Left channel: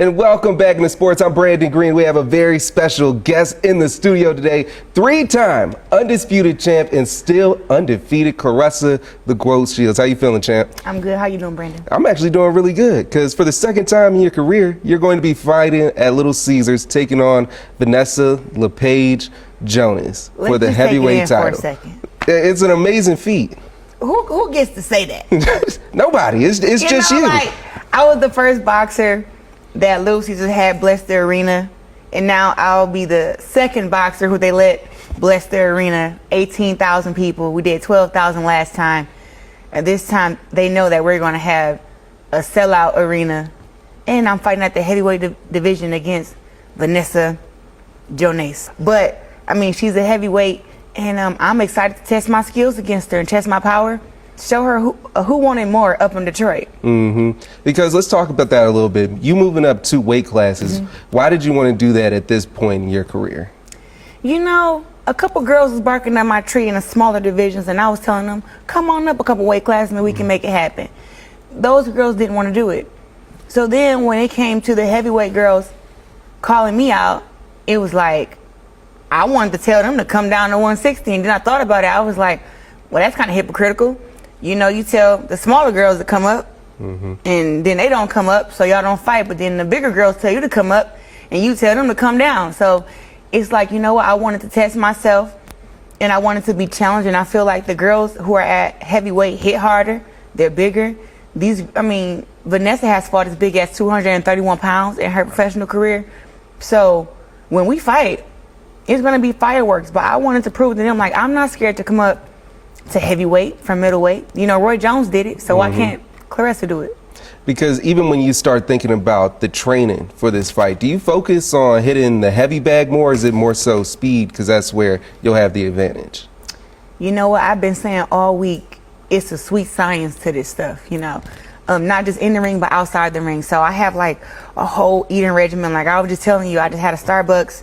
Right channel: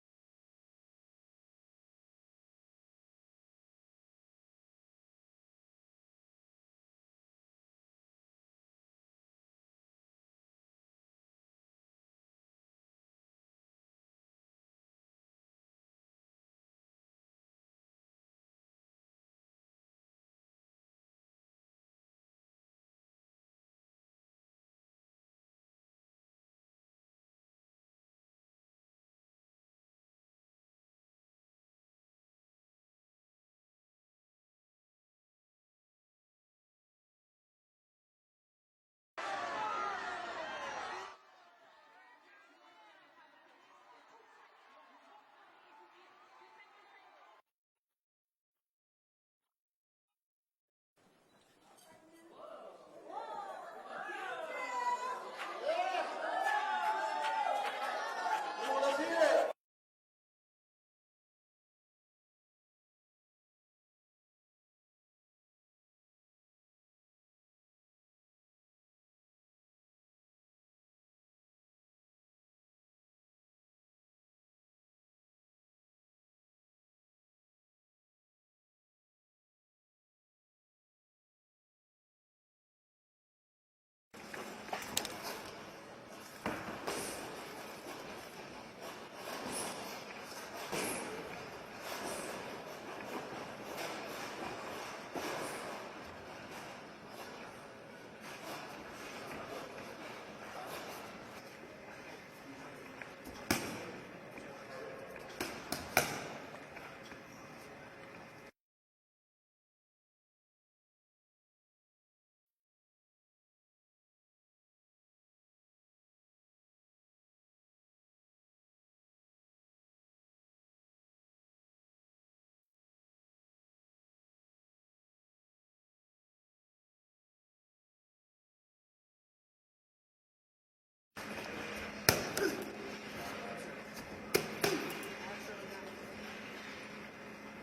And welcome back into sports. I'm Brandon Green. We have a very special guest in the studio today. Three-time undisputed champ and still undefeated Claressa the Shields. How you feeling, champ? I'm good. How you doing, Brandon? I'm actually doing really good because for the second time in your career, you're going to be fighting at Little Caesars, taking on Vanessa LePage Jonas for the heavyweight title. For a second. It's an amazing feat. Who gets to say that? Nobody. It's just you. Like, I was the first boxer that Little Caesars had bless the arena, and now I'll be the second boxer who they let bless their arena. 18,000 people. We did 12,000 last time, and this time they know that we're going to have a sellout arena, and I'm fighting at the heavyweight division against Vanessa Jonas. But I mean, she's a heavyweight, and I'm excited to test my skills against her and test my power. Show her who wanted more up in Detroit. Because let's talk about that a little bit. You moving up 2 weight classes. Why did you want to do that at this point in your career? You know, a couple girls was barking at my tree in the smaller divisions, and I was telling them, come on up a couple weight classes and we can make it happen. Those girls didn't want to do it. So then when it came to the heavyweight girls calling me out, it was like, I wanted to tell them to come down to 160, and then I thought about it. I was like, well, that's kind of hypocritical. You know, you tell the smaller girls to come up, and then they don't come up, so y'all don't fight. But then the bigger girls tell you to come up, and you tell them to come down. So it's like, you know what, I wanted to test myself, and I wanted to be challenged. And I feel like the girls who are at heavyweight hit harder. They're bigger. Vanessa has fought as big as 231 pounds in her professional career. So when we fight, it's going to be fireworks. But I wanted to prove to them, like, I'm not scared to come up to heavyweight from middleweight. You know, Roy Jones did it, so why can't Claressa do it? Because even when you start thinking about the training for this fight, do you focus on hitting the heavy bag more, or is it more so speed, because that's where you'll have the advantage? You know what, I've been saying all week, it's a sweet science to this stuff, you know. Not just in the ring, but outside the ring. So I have like a whole eating regimen. Like I was just telling you, I just had a Starbucks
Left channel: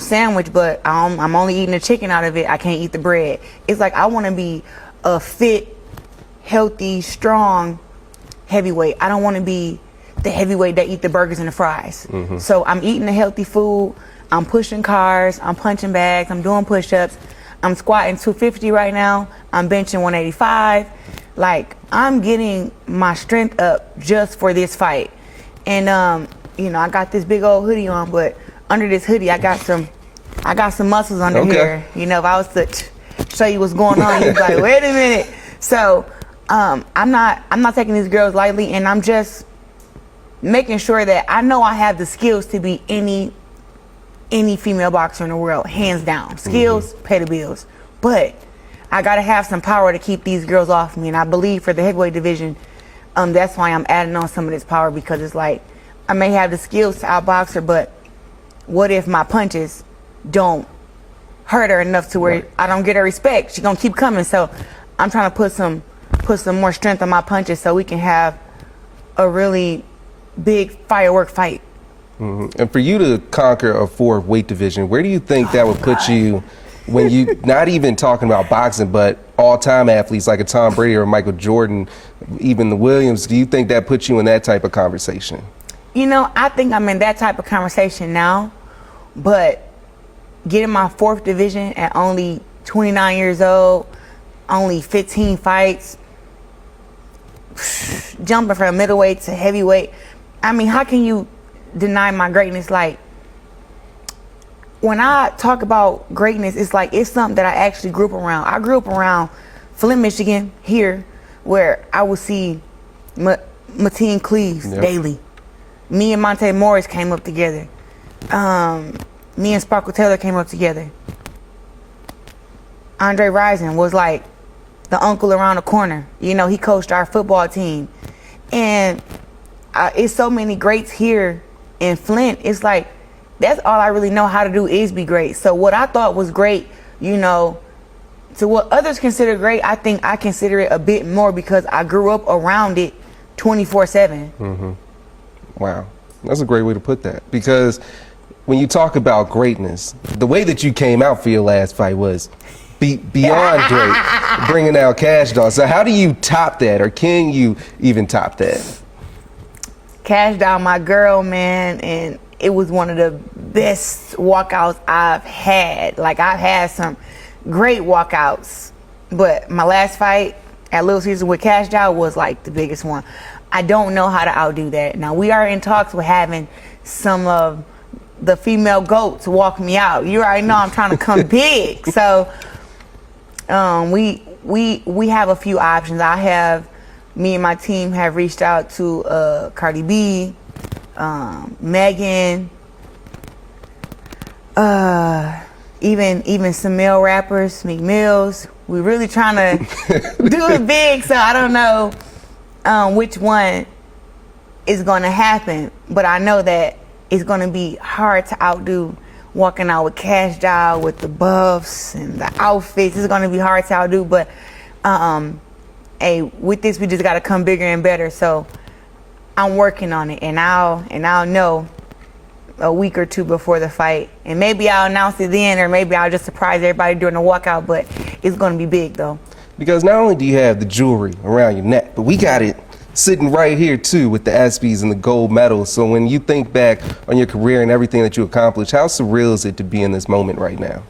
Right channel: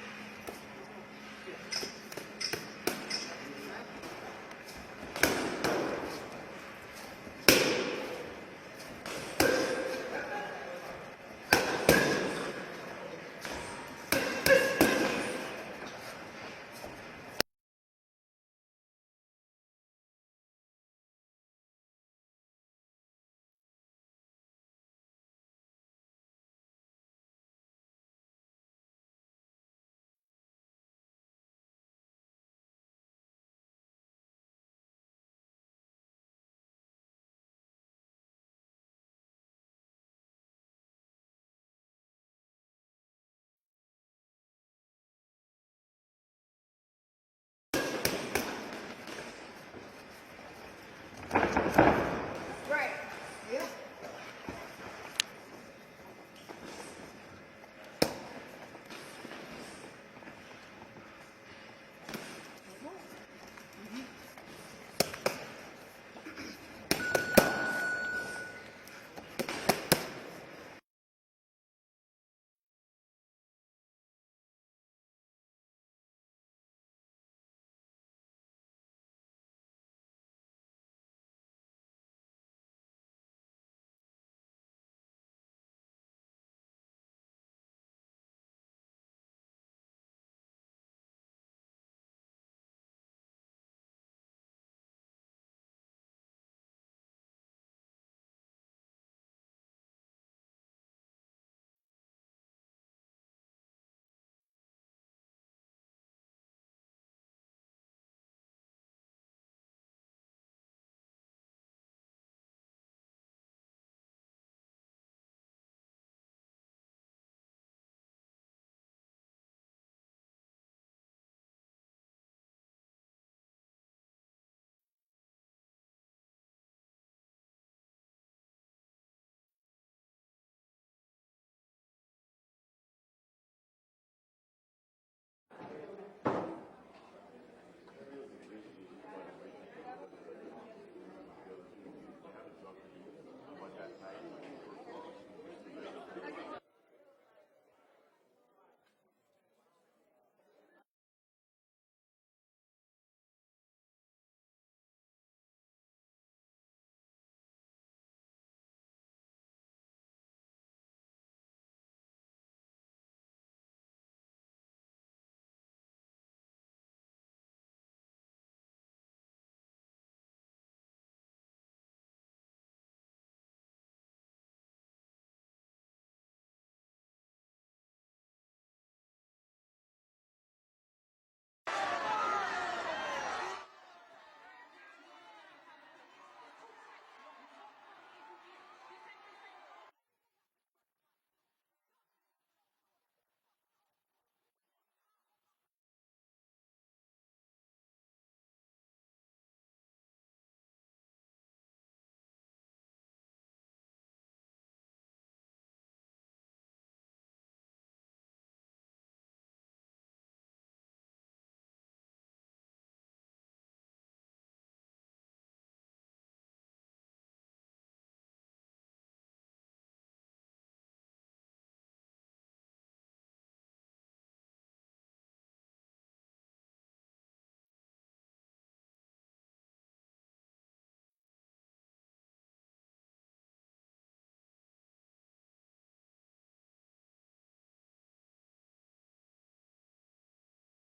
sandwich, but I'm only eating the chicken out of it. I can't eat the bread. It's like I want to be a fit, healthy, strong heavyweight. I don't want to be the heavyweight that eat the burgers and the fries. So I'm eating the healthy food. I'm pushing cars. I'm punching bags. I'm doing push-ups. I'm squatting 250 right now. I'm benching 185. Like, I'm getting my strength up just for this fight. And you know, I got this big old hoodie on, but under this hoodie, I got some muscles under here. You know, if I was to show you what's going on, you'd be like, wait a minute. So I'm not taking these girls lightly, and I'm just making sure that I know I have the skills to be any female boxer in the world, hands down. Skills pay the bills, but I gotta have some power to keep these girls off me. And I believe for the heavyweight division, that's why I'm adding on some of this power, because it's like I may have the skills to outbox her, but what if my punches don't hurt her enough to where I don't get her respect? She's gonna keep coming. So I'm trying to put some more strength on my punches so we can have a really big firework fight. And for you to conquer a 4 weight division, where do you think that would put you when you, not even talking about boxing, but all-time athletes like a Tom Brady or Michael Jordan, even the Williams, do you think that puts you in that type of conversation? You know, I think I'm in that type of conversation now, but getting my 4th division at only 29 years old, only 15 fights, jumping from middleweight to heavyweight, I mean, how can you deny my greatness? Like, when I talk about greatness, it's like it's something that I actually grew up around. I grew up around Flint, Michigan, here, where I would see Mateen Cleaves daily. Me and Monte Morris came up together. Me and Sparkle Taylor came up together. Andre Rison was like the uncle around the corner. You know, he coached our football team. And it's so many greats here in Flint. It's like, that's all I really know how to do is be great. So what I thought was great, you know, to what others consider great, I think I consider it a bit more because I grew up around it 24/7. Wow, that's a great way to put that. Because when you talk about greatness, the way that you came out for your last fight was beyond great, bringing out Cash Doll. So how do you top that, or can you even top that? Cash Doll, my girl, man, and it was one of the best walkouts I've had. Like, I've had some great walkouts, but my last fight at Little Caesars with Cash Doll was like the biggest one. I don't know how to outdo that. Now, we are in talks with having some of the female goats walk me out. You already know I'm trying to come big. So we have a few options. Me and my team have reached out to Cardi B, Megan, even some male rappers, Meek Mills. We're really trying to do it big, so I don't know which one is going to happen, but I know that it's going to be hard to outdo walking out with Cash Doll, with the buffs and the outfits. It's going to be hard to outdo, but hey, with this, we just got to come bigger and better. So I'm working on it, and I'll know a week or two before the fight, and maybe I'll announce it then, or maybe I'll just surprise everybody during the walkout. But it's going to be big, though. Because not only do you have the jewelry around your neck, but we got it sitting right here too with the ESPYs and the gold medals. So when you think back on your career and everything that you accomplished, how surreal is it to be in this moment right now?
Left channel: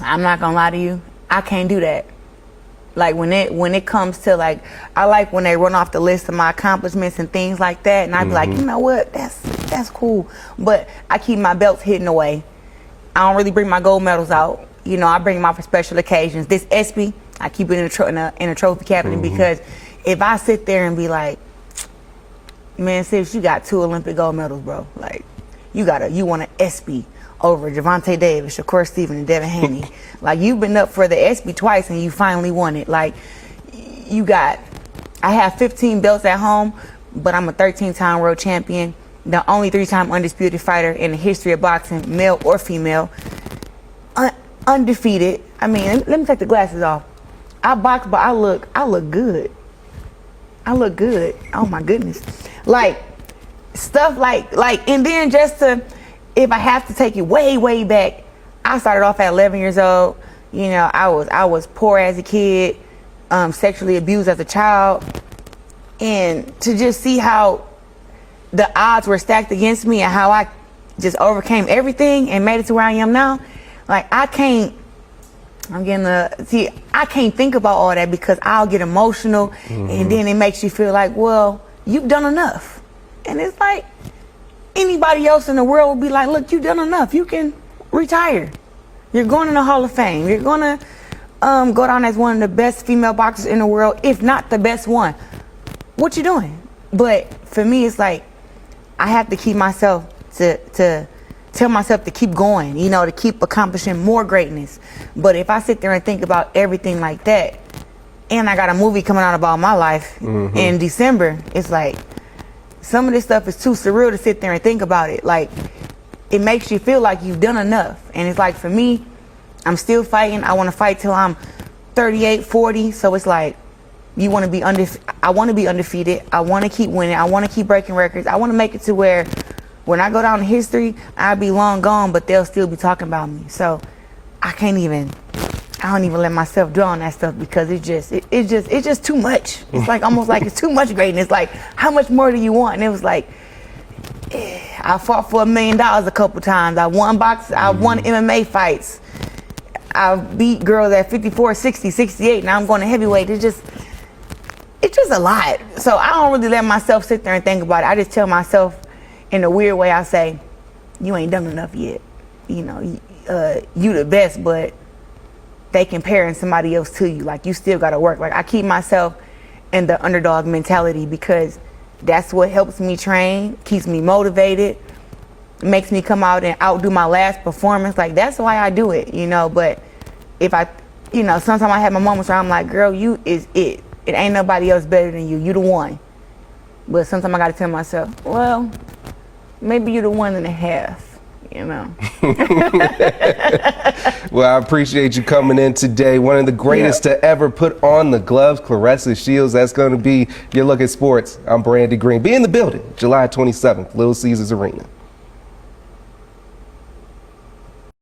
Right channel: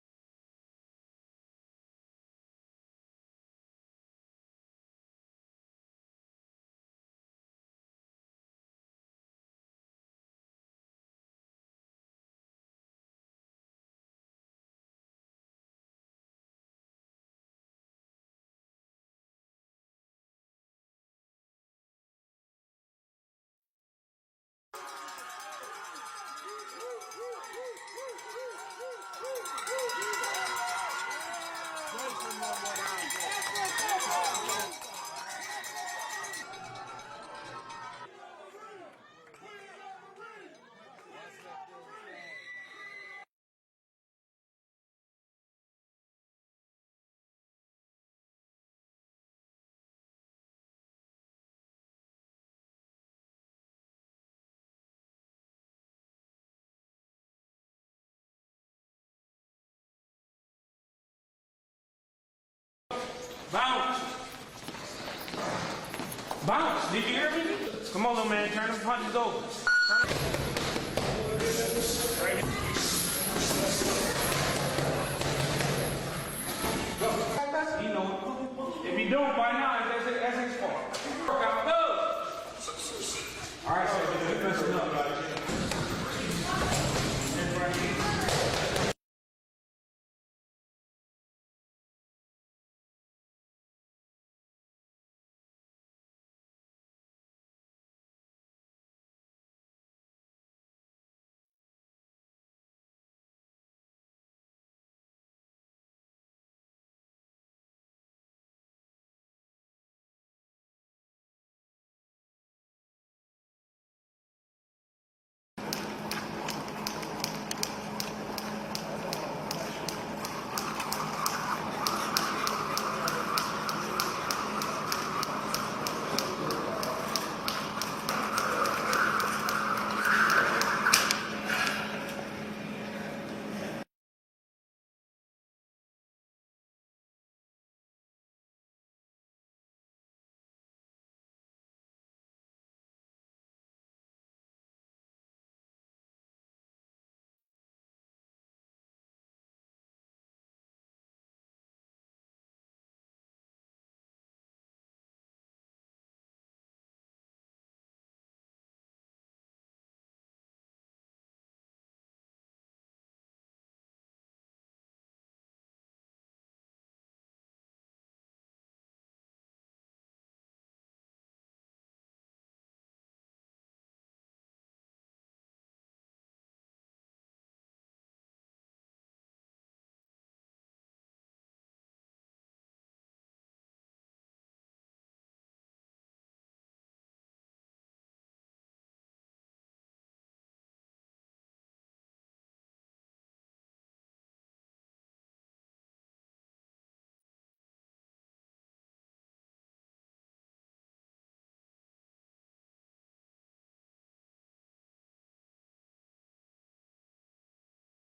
I'm not gonna lie to you, I can't do that. Like when it comes to, like, I like when they run off the list of my accomplishments and things like that, and I be like, you know what, that's cool. But I keep my belts hidden away. I don't really bring my gold medals out. You know, I bring them out for special occasions. This ESPY, I keep it in a trophy cabinet because if I sit there and be like, man, sis, you got 2 Olympic gold medals, bro. Like, you want an ESPY over Gervonta Davis, Shakur Stevens, and Devin Haney. Like, you've been up for the ESPY twice and you finally won it. Like, I have 15 belts at home, but I'm a 13-time world champion, the only 3-time undisputed fighter in the history of boxing, male or female, undefeated. I mean, let me take the glasses off. I box, but I look good. I look good. Oh my goodness. Like, stuff like, and then if I have to take it way, way back, I started off at 11 years old. You know, I was poor as a kid, sexually abused as a child. And to just see how the odds were stacked against me and how I just overcame everything and made it to where I am now, like, I can't think about all that because I'll get emotional and then it makes you feel like, well, you've done enough. And it's like, anybody else in the world would be like, look, you've done enough. You can retire. You're going in the Hall of Fame. You're going to go down as one of the best female boxers in the world, if not the best one. What you doing? But for me, it's like, I have to keep myself to tell myself to keep going, you know, to keep accomplishing more greatness. But if I sit there and think about everything like that, and I got a movie coming out about my life in December, it's like, some of this stuff is too surreal to sit there and think about it. Like, it makes you feel like you've done enough. And it's like, for me, I'm still fighting. I want to fight till I'm 38, 40. So it's like, I want to be undefeated. I want to keep winning. I want to keep breaking records. I want to make it to where when I go down in history, I'll be long gone, but they'll still be talking about me. So I don't even let myself dwell on that stuff because it's just too much. It's like almost like it's too much greatness. Like, how much more do you want? And it was like, I fought for $1 million a couple times. I won MMA fights. I beat girls at 54, 60, 68. Now I'm going to heavyweight. It's just a lot. So I don't really let myself sit there and think about it. I just tell myself, in a weird way, I say, you ain't done enough yet. You know, you the best, but they comparing somebody else to you. Like, you still got to work. Like, I keep myself in the underdog mentality because that's what helps me train, keeps me motivated, makes me come out and outdo my last performance. Like, that's why I do it, you know. But if sometimes I have my moments where I'm like, girl, you is it. It ain't nobody else better than you. You the one. But sometimes I got to tell myself, well, maybe you're the 1.5, you know. Well, I appreciate you coming in today. One of the greatest to ever put on the gloves, Claressa Shields. That's going to be your look at sports. I'm Brandon Green. Be in the building, July 27th, Little Caesars Arena.